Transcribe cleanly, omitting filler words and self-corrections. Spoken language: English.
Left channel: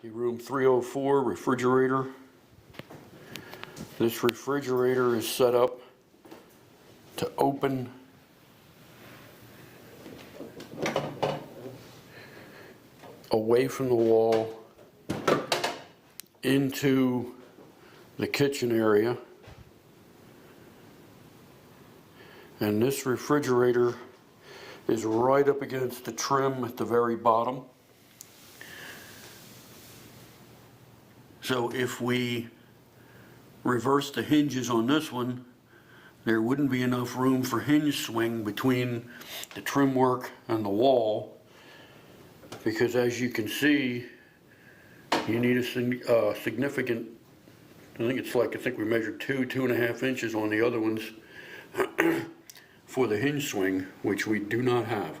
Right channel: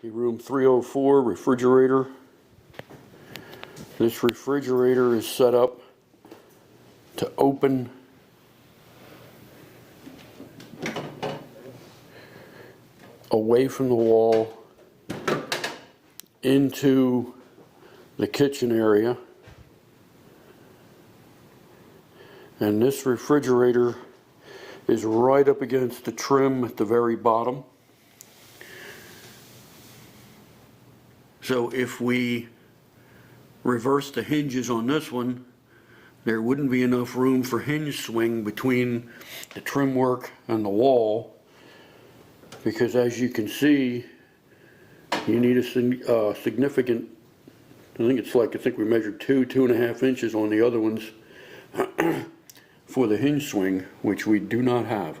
The room 304 refrigerator. This refrigerator is set up to open away from the wall into the kitchen area. And this refrigerator is right up against the trim at the very bottom. So if we reverse the hinges on this one, there wouldn't be enough room for hinge swing between the trim work and the wall, because as you can see, you need a significant, I think we measured 2.5 inches on the other ones for the hinge swing, which we do not have.